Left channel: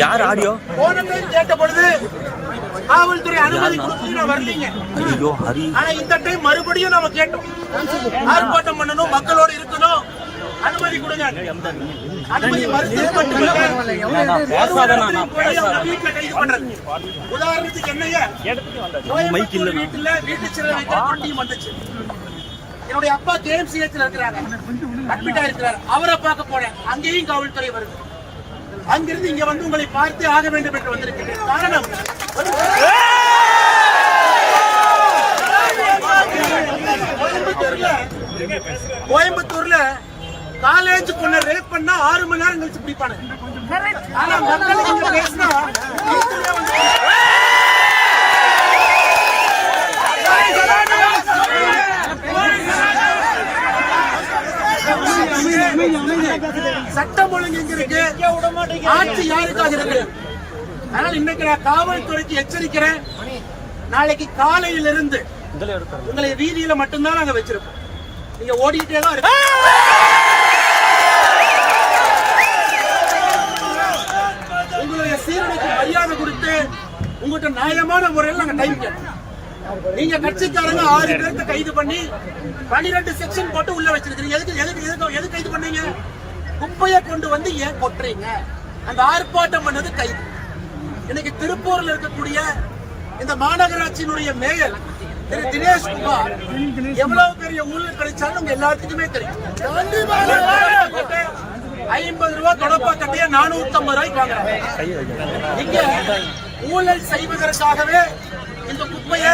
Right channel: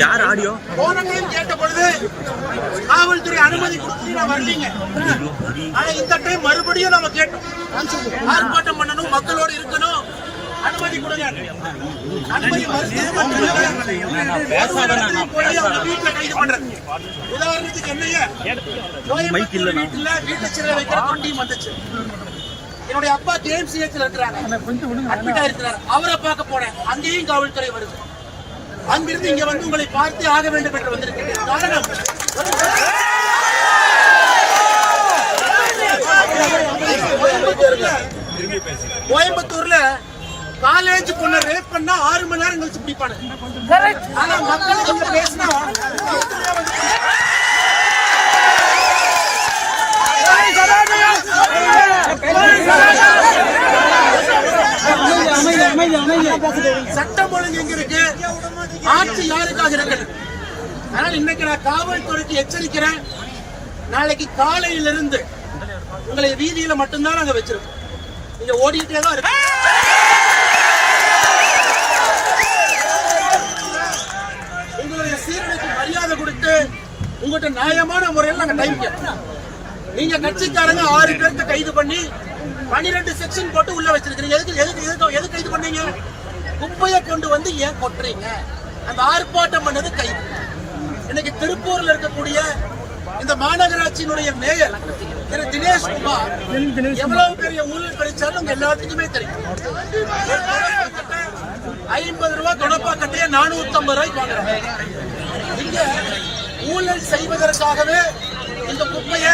யார் ஆடியோ? போன டைம் கேட்ட பொழுது காவல்துறை அனுமதி கொடுத்து நான் வரலீங்க ஆனா இந்த டைம் மறுபடியும் நாம கேட்டோம். ஆர்ப்பாட்டம் பண்ணணும் மக்களோட இருக்கணும். அனுமதி கொடுங்க. அனுமதி மறுத்தது மட்டுமல்ல வீட்டுல கைது பண்றது உதாரணத்துக்கு என்னைய. வீட்டுல வீட்டு சிறை வைக்கிற தொண்டியும் வந்துச்சு. என்னுடைய அப்பா கேஎம்சிஹெச்ல இருக்கிறாங்க. அட்மிட்டா இருக்கிறார். அவரை பார்க்க போனேன் அங்கேயும் காவல்துறை வருது. அங்கிருந்து இங்க வந்து உங்களை பார்த்து ஆக வேண்டும் என்று வந்திருக்கிறேன் காரணம்? கோயம்புத்தூர்ல கோயம்புத்தூர்ல காலேஜ் பொண்ணை ரேப் பண்ணா ஆறு மணி நேரம் கழிச்சு பிடிப்பானுங்க ஆனா மக்களுக்கு இங்க பேசினா சட்டம் ஒழுங்கு எங்க இருக்கு? ஆட்சி யாருக்காக இருக்கு? அதனால இன்னைக்கு நான் காவல்துறைக்கு எச்சரிக்கிறேன். நாளைக்கு காலையிலிருந்து உங்களை வீதியில மட்டும்தான் நாங்க வச்சிருப்போம். நீங்க ஓடிட்டே தான் இருக்கு மரியாதை கொடுத்து உங்கள்கிட்ட நியாயமான முறையில் நாங்க டைம் கேட்டோம். நீங்க கட்சிக்காரங்க ஆறு பேர்த்த கைது பண்ணி பனிரெண்டு செக்ஷன் போட்டு உள்ள வச்சிருக்கீங்க எதுக்கு எதுக்கு எதுக்கு எது கைது பண்ணீங்க? குப்பையை கொண்டு வந்து ஏன் கொட்டுறீங்க? அந்த ஆர்ப்பாட்டம் பண்ணது கைது. இன்னைக்கு திருப்பூர்ல இருக்கக்கூடிய இந்த மாநகராட்சியினுடைய மேயர் திரு தினேஷ் குமார் எவ்வளவு பெரிய ஊழல் கிடைச்சாலும் உங்க எல்லாத்துக்குமே தெரியும். ஐம்பது ரூபாய் தொடப்பா கட்டைய நானூத்தி ஐம்பது ரூபாய்க்கு வாங்குறாங்க. இங்க ஊழல் செய்வதற்காகவே இந்த குப்பையை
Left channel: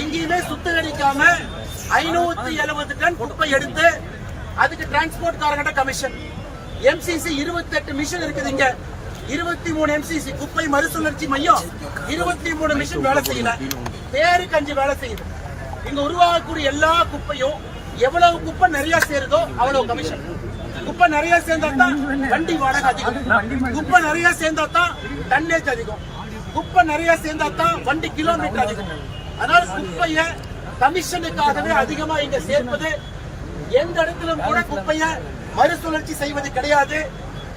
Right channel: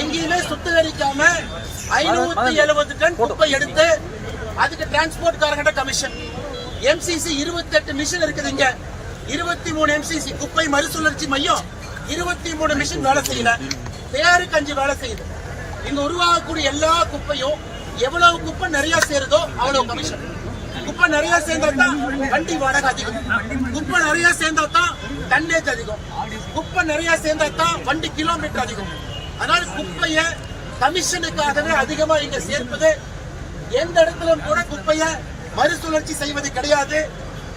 எங்கேயுமே சுத்திகரிக்காம ஐநூத்தி எழுபது டன் குப்பை எடுத்து அதுக்கு டிரான்ஸ்போர்ட் காரங்கிட்ட கமிஷன் எம்சிசி இருபத்தி எட்டு மிஷின் இருக்குது இங்க. இருபத்தி மூணு எம்சிசி குப்பை மறுசுழற்சி மையம். இருபத்தி மூணு மிஷின் வேலை செய்யல. பேருக்கு அஞ்சு வேலை செய்யுது. இங்க உருவாகக்கூடிய எல்லா குப்பையும் எவ்வளவு குப்பை நிறைய சேருதோ அவ்வளவு கமிஷன் குப்பை நிறைய சேர்ந்தா தான் வண்டி வாடகை அதிகம். குப்பை நிறைய சேர்ந்தா தான் டன்னேஜ் அதிகம். குப்பை நிறைய சேர்ந்தா தான் வண்டி கிலோமீட்டர் அதிகம். அதனால குப்பைய கமிஷனுக்காகவே அதிகமா இங்க சேர்ப்பது எந்த இடத்திலும் கூட குப்பைய மறுசுழற்சி செய்வது கிடையாது.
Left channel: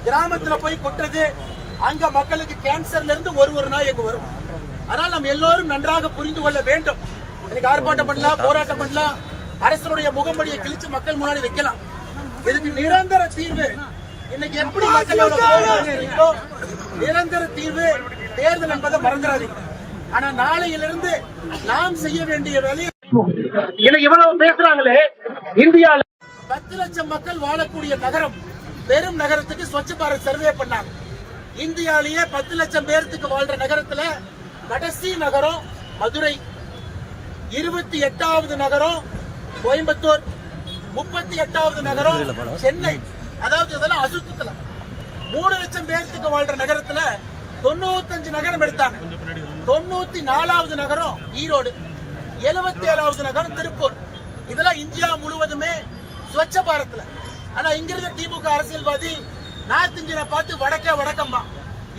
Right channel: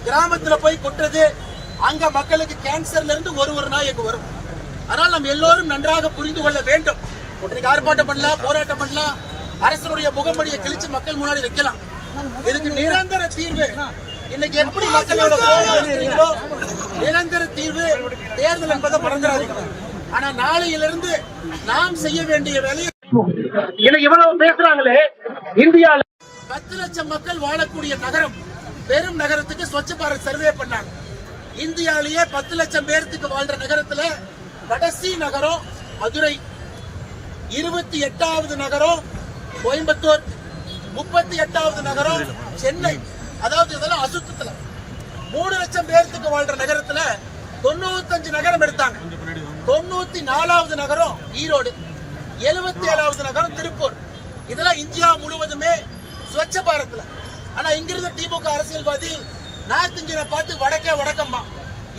கிராமத்துல போய் கொட்டுறது அங்க மக்களுக்கு கேன்சர்ல இருந்து ஒரு ஒரு நாய் இங்க வரும். அதனால் நம்ம எல்லோரும் நன்றாக புரிந்து கொள்ள வேண்டும். இன்னைக்கு ஆர்ப்பாட்டம் பண்ணலாம் போராட்டம் பண்ணலாம். அரசனுடைய முகமடியை கிழிச்சு மக்கள் முன்னாடி வைக்கலாம். இதுக்கு நிரந்தர தீர்வு. இன்னைக்கு எப்படி மக்களோட கோபம் இருக்கிறீங்களோ நிரந்தர தீர்வு தேர்தல் என்பதை மறந்துடாதீங்க. ஆனா நாளையிலிருந்து நாம் செய்ய வேண்டிய வேலையை இன்னைக்கு இவ்வளவு பேசுறாங்களே இந்தியால பத்து லட்சம் மக்கள் வாழக்கூடிய நகரம் பெரும் நகரத்துக்கு ஸ்வச்ச பாரத் சர்வே பண்ணாங்க. இந்தியாலேயே பத்து லட்சம் பேர்த்துக்கு வாழ்ற நகரத்துல கடைசி நகரம் மதுரை. இருபத்தி எட்டாவது நகரம் கோயம்புத்தூர். முப்பத்தி எட்டாவது நகரம் சென்னை. அதாவது இதெல்லாம் அசுத்தத்துல. மூணு லட்சம் பேர்த்துக்கு வாழ்ற நகரத்துல தொண்ணூத்தஞ்சு நகரம் எடுத்தாங்க. தொண்ணூத்தி நாலாவது நகரம் ஈரோடு. எழுபத்தி ஏழாவது நகரம் திருப்பூர். இதெல்லாம் இந்தியா முழுவதுமே ஸ்வச்ச பாரத்ல ஆனா இங்கிருந்த திமுக அரசியல்வாதி நார்த் இந்தியனை பார்த்து வடக்கே வடக்கம்மா.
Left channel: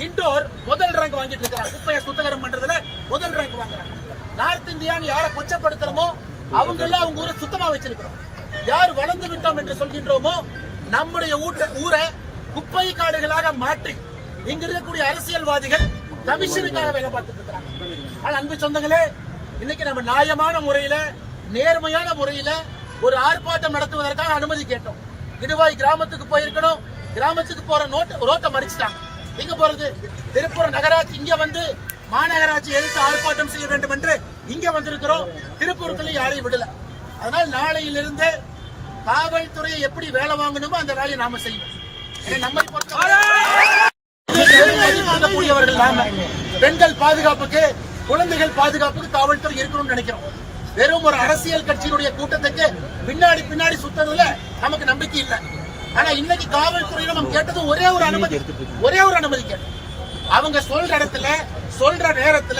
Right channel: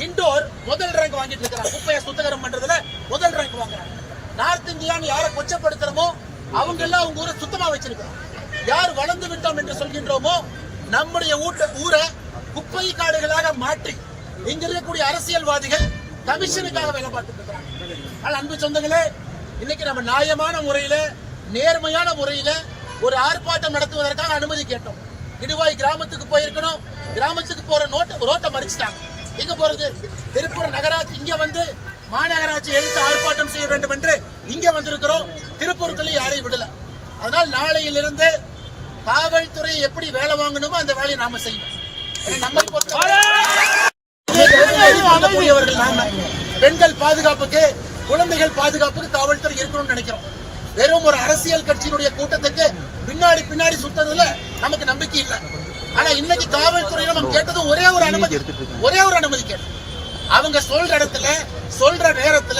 இண்டோர் முதல் ரேங்க் வாங்கிட்டு இருக்கிறாங்க. குப்பையை சுத்தகரம் பண்றதுல முதல் ரேங்க் வாங்குறாங்க. நார்த் இந்தியான்னு யாரை கொச்சப்படுத்துறமோ அவங்க எல்லாம் அவங்க ஊரை சுத்தமா வச்சிருக்கிறோம். யார் வளர்ந்து விட்டோம் என்று சொல்கின்றோமோ நம்முடைய ஊட்ட ஊரை குப்பை காடுகளாக மாற்றி இங்க இருக்கக்கூடிய அரசியல்வாதிகள் கமிஷனுக்காக வேலை பார்த்துட்டு இருக்கிறாங்க. ஆனால் அன்பு சொந்தங்களே இன்னைக்கு நம்ம நியாயமான முறையில நேர்மையான முறையில ஒரு ஆர்ப்பாட்டம் நடத்துவதற்காக அனுமதி கேட்டோம். இடுவாய் கிராமத்துக்கு போயிருக்கணும். கிராமத்துக்கு போற நோட்டை ரோட்டை மறிச்சிட்டாங்க. எங்க போறது? திருப்பூர் நகராட்சி இங்க வந்து மாநகராட்சி எடுத்து ஆர்ப்பாட்டம் செய்ய வேண்டும் என்று இங்க வந்திருக்கிறோம். திருப்பூருக்குள்ள யாரையும் விடல. அதனால் நாளையிலிருந்து காவல்துறையை எப்படி வேலை வாங்கணுமோ அந்த வேலையை நாம செய்வோம். நம்மை பொறுத்தவரை நாம. பெண்கள் பாதுகாப்புக்கு குழந்தைகள் பாதுகாப்புக்கு காவல்துறை இருக்கணும்னு நினைக்கிறோம். வெறும் ஒரு அரசியல் கட்சியினுடைய கூட்டத்துக்கு பின்னாடி பின்னாடி சுத்ததுல நமக்கு நம்பிக்கை இல்லை. ஆனா இன்னைக்கு காவல்துறையில நம்ம கேட்டது ஒரே ஒரு அனுமதி. ஒரே ஒரு அனுமதி கேட்டோம். அவங்க சொல்ற இடத்துல சொல்ற நேரத்துல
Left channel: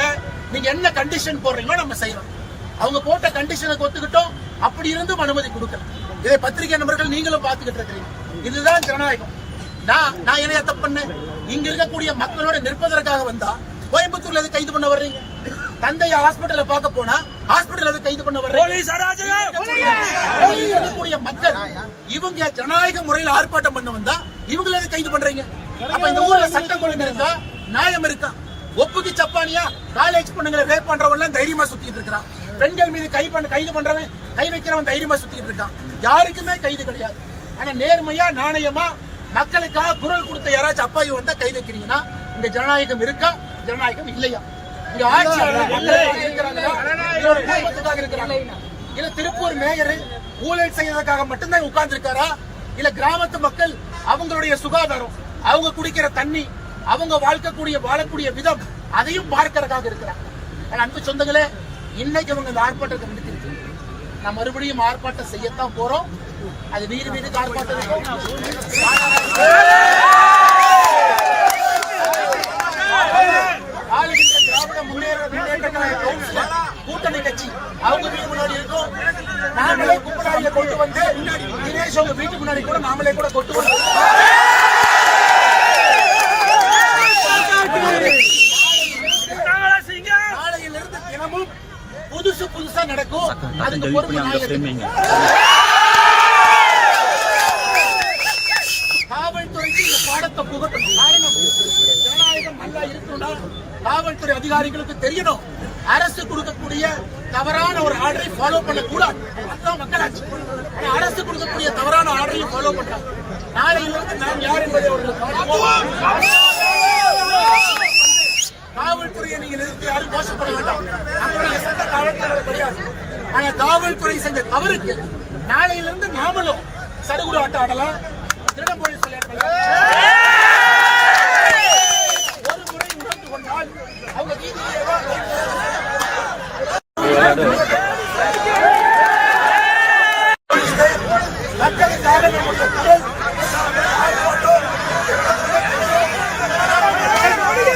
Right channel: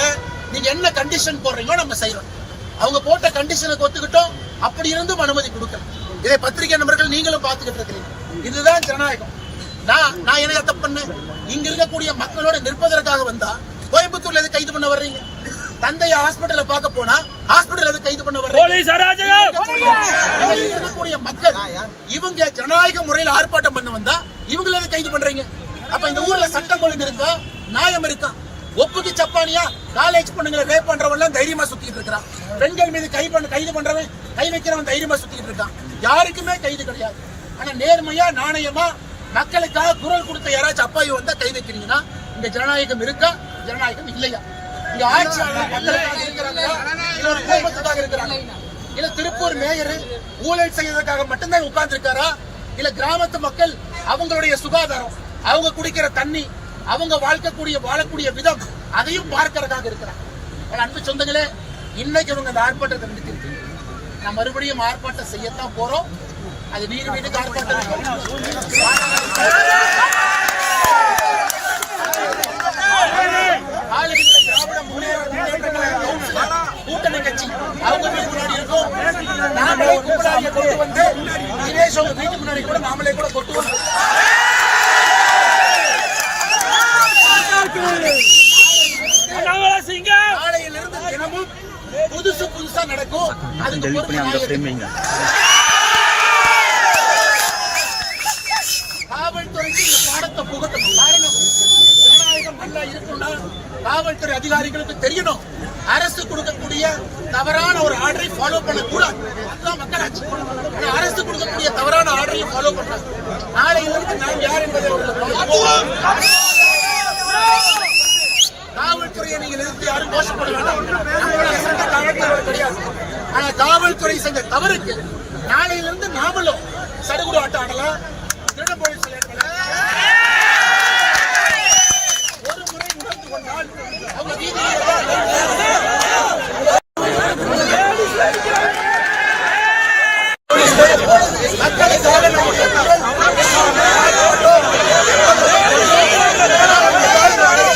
நீங்க என்ன கண்டிஷன் போடுறீங்களோ நம்ம செய்யறோம். அவங்க போட்ட கண்டிஷனுக்கு ஒத்துக்கிட்டோம் அப்படி இருந்தும் அனுமதி கொடுக்கல. இதை பத்திரிகை நண்பர்கள் நீங்களும் பார்த்துக்கிட்டு இருக்கிறீங்க. இதுதான் ஜனநாயகம். நான் நான் என்ன தப்பு பண்ணேன்? இங்க இருக்கக்கூடிய மக்களோட நிற்பதற்காக வந்தா கோயம்புத்தூர்ல எது கைது பண்ண வர்றீங்க? தந்தைய ஹாஸ்பிடல்ல பார்க்க போனா ஹாஸ்பிடல் எது கைது பண்ண வர்றீங்க? இருக்கக்கூடிய மக்கள் இவங்க ஜனநாயக முறையில் ஆர்ப்பாட்டம் பண்ண வந்தா இவங்களை எது கைது பண்றீங்க? அப்ப இந்த ஊர்ல சட்டம் ஒழுங்கு இருக்கா? நியாயம் இருக்கா? ஒப்புக்கு சப்பானியா? காலேஜ் பொண்ணுங்களை ரேப் எல்லாம் தைரியமா சுத்திட்டு இருக்கான் பெண்கள் மீது கை பண்ண கைது பண்றவன் கை வைக்கிறவன் தைரியமா சுத்திட்டு இருக்கான். யாருக்குமே கைது கிடையாது. ஆனா நேர்மையா நாணயமா மக்களுக்காக குரல் கொடுத்த யாராச்சும் அப்பாவி வந்தா கை வைக்கிறீங்கன்னா இந்த ஜனநாயகம் இருக்கா? ஜனநாயகம் இல்லையா? இங்க ஆட்சியாளர் மக்களுக்காக இருக்கிறாங்களா? இல்ல ஒரு குடும்பத்துக்காக இருக்கிறாங்க இல்ல திருப்பூர் மேயர் ஊழல் செய்யறதுக்காக மட்டும்தான் உட்கார்ந்து இருக்காரா இல்ல கிராமத்து மக்கள் அவங்களுடைய சுகாதாரம் அவங்க குடிக்கிற தண்ணி அவங்க வாழ்க்கக்கூடிய வாழக்கூடிய விதம் அதையும் பார்க்கறதுக்காக இருக்கிறாங்க. அன்பு சொந்தங்களே இன்னைக்கு இவங்க இந்த ஆர்ப்பாட்டத்தை நிறுத்திருக்கு நான் மறுபடியும் ஆர்ப்பாட்டம் செய்யத்தான் போறோம். அது வீடு வீட்டுக்கு ஆர்ப்பாட்டம் இருக்கும். ஆளுகின்ற திராவிட முன்னேற முன்னேற்ற கழக கவுன்சிலர் கூட்டணி கட்சி அவங்க வீடு முன்னாடி இருக்கும். நாமளே கும்பலாரியை கொண்டு வந்து தினேஷ் அவங்க வீட்டுக்கு முன்னாடி கூட நாமளே கூட கொண்டு வந்து நாளையிலிருந்து தினமும் புதுசா நடக்கும். அதுக்கு பொறுப்பு நான் காவல்துறைக்கு இந்த பாடத்தை புகட்டணும். காரணம் ஜனநாயகம் நல்லா இருக்கணும்னா காவல்துறை அதிகாரிகளுக்கு தெரியணும். அரசு கொடுக்கக்கூடிய தவறான ஒரு ஆர்டரை ஃபாலோ பண்ணக்கூடாது. அதுதான் மக்களாட்சி. ஆனா அரசு கொடுக்கக்கூடிய தவறான ஆர்டரையும் ஃபாலோ பண்றாங்க. நாளையிலிருந்து நாம் யார் என்பதை அவர்கள் கவனிப்போம். காவல்துறையை நீங்கள் எதிர்த்து யாரும் கோஷப்பட வேண்டாம். நம்மளுடைய சட்ட காவல்துறையோட கிடையாது. ஆனா காவல்துறை செஞ்ச தவறுக்கு நாளையிலிருந்து நாமளும் சடுகுடு ஆட்டம் ஆடலாம். திருடம் போலீஸ் விளையாடலாம். ஒரு முறை உணர்ந்து கொண்டால் அவங்க வீதியில் தான் மக்களுக்காக நம்முடைய குரல் ஆர்ப்பாட்டம் எப்போதுமே தொடரும். ஆனால் இந்த காலகட்டத்தில்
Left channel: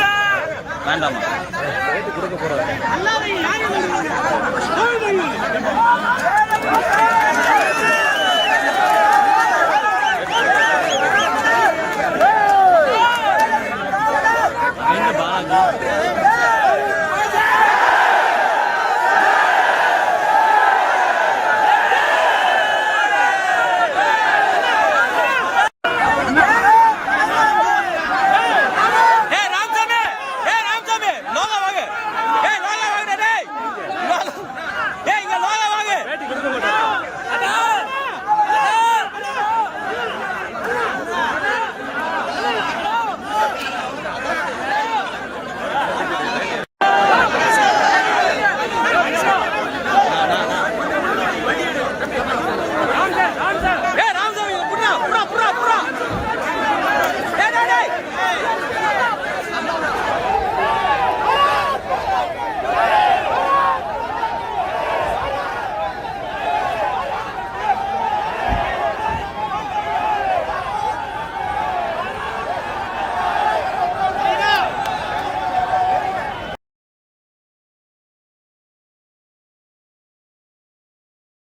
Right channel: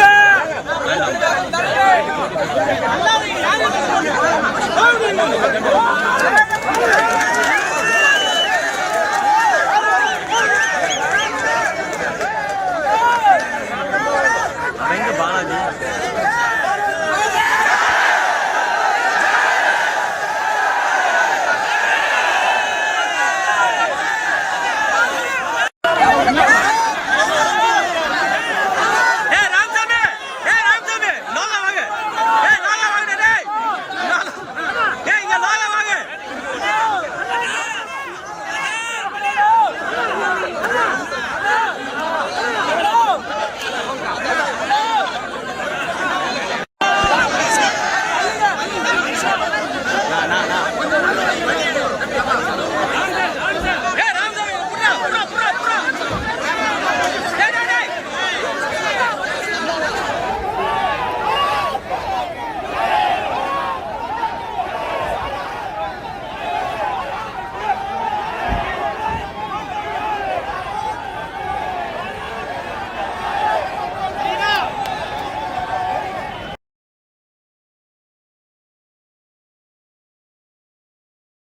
Come on.